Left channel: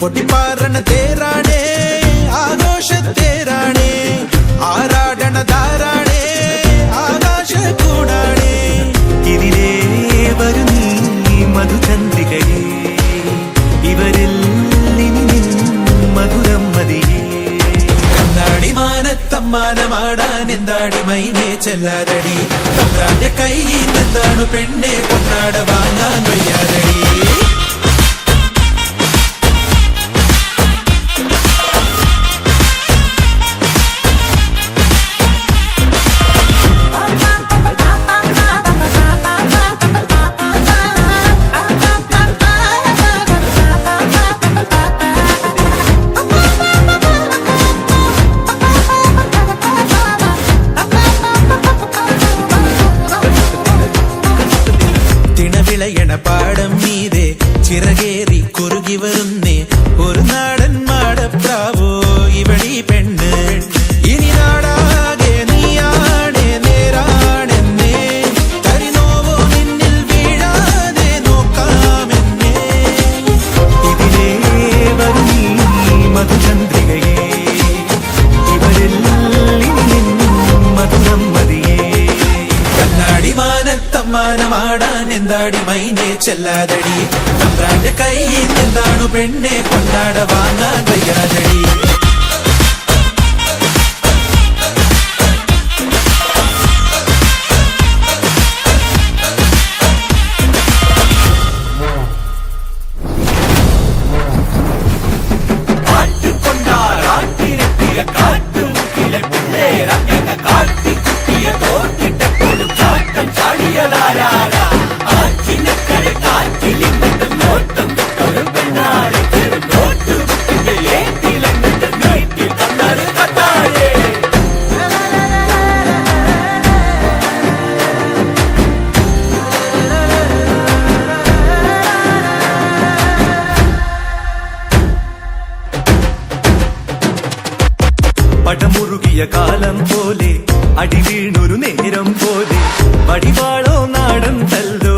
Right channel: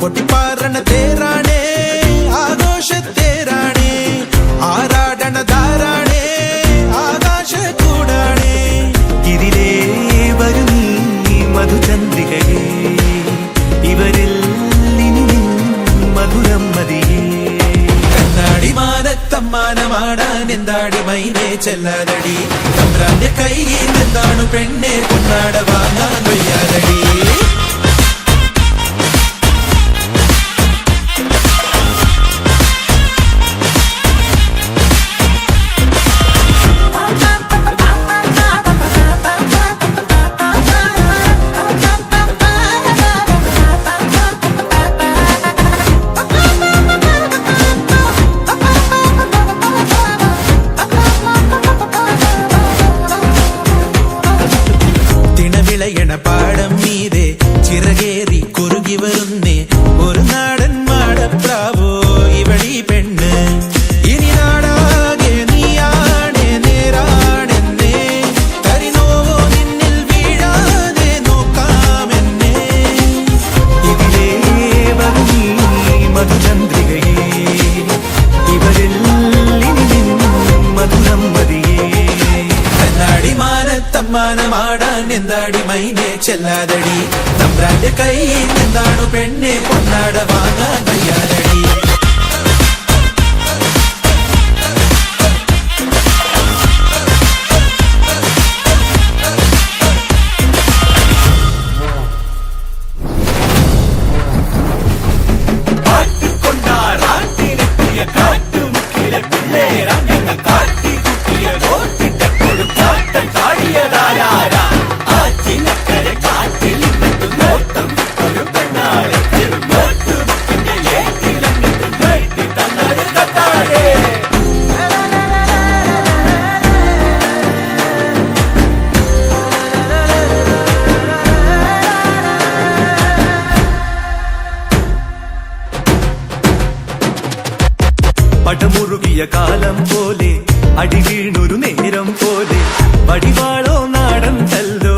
പൊട്ടിപ്പാറണ തേരാണേ ആഘോഷത്തേരാണേ ആരാടണ ധാരാണേ ആകാശ കൂടാണേ ഇതിലേ വരു നീ മധുചന്ദ്രികയേ ഇവരിൽ ഇനി നിൻ മധുരം മതിയേ കണ്ണാടി മാനത്തമ്മാനമാടാൻ എന്താടി മൈനെ ചെല്ലാതടി തമ്പ്രാന്റെ കയ്യിൽ എന്താണു പെണ്ണെ പൊന്നാട വാങ്ങാൻ വയ്യാതടി തിണവിളയണ പാടം മീതെ ചിറകേറി കുറുകി വരുന്നേ ഒരു നാടൻ മാടപ്രാവോ ഇവളീ പെണ്ണ് ഇനി നാടാകെ നീയാണേ നേരാണെന്നേ തരിനോവോ നിന്നിൽ വീഴാതെ നോക്കാമെന്നേ ഇതിലേ വരു നീ മധുചന്ദ്രികയേ ഇവരിൽ ഇനി നിൻ മധുരം മതിയേ കണ്ണാടി മാനത്തമ്മാനമാടാൻ എന്താടി മൈനെ ചെല്ലാതടി തമ്പ്രാന്റെ കയ്യിൽ എന്താണു പെണ്ണെ കൊണ്ടാട വാങ്ങാൻ വയ്യാതടി പടമുറുകിയ കാലം പോലെ അടി വീണൊരു നേരം പോലെ വടിവാളോ നാടൻ തല്ലോ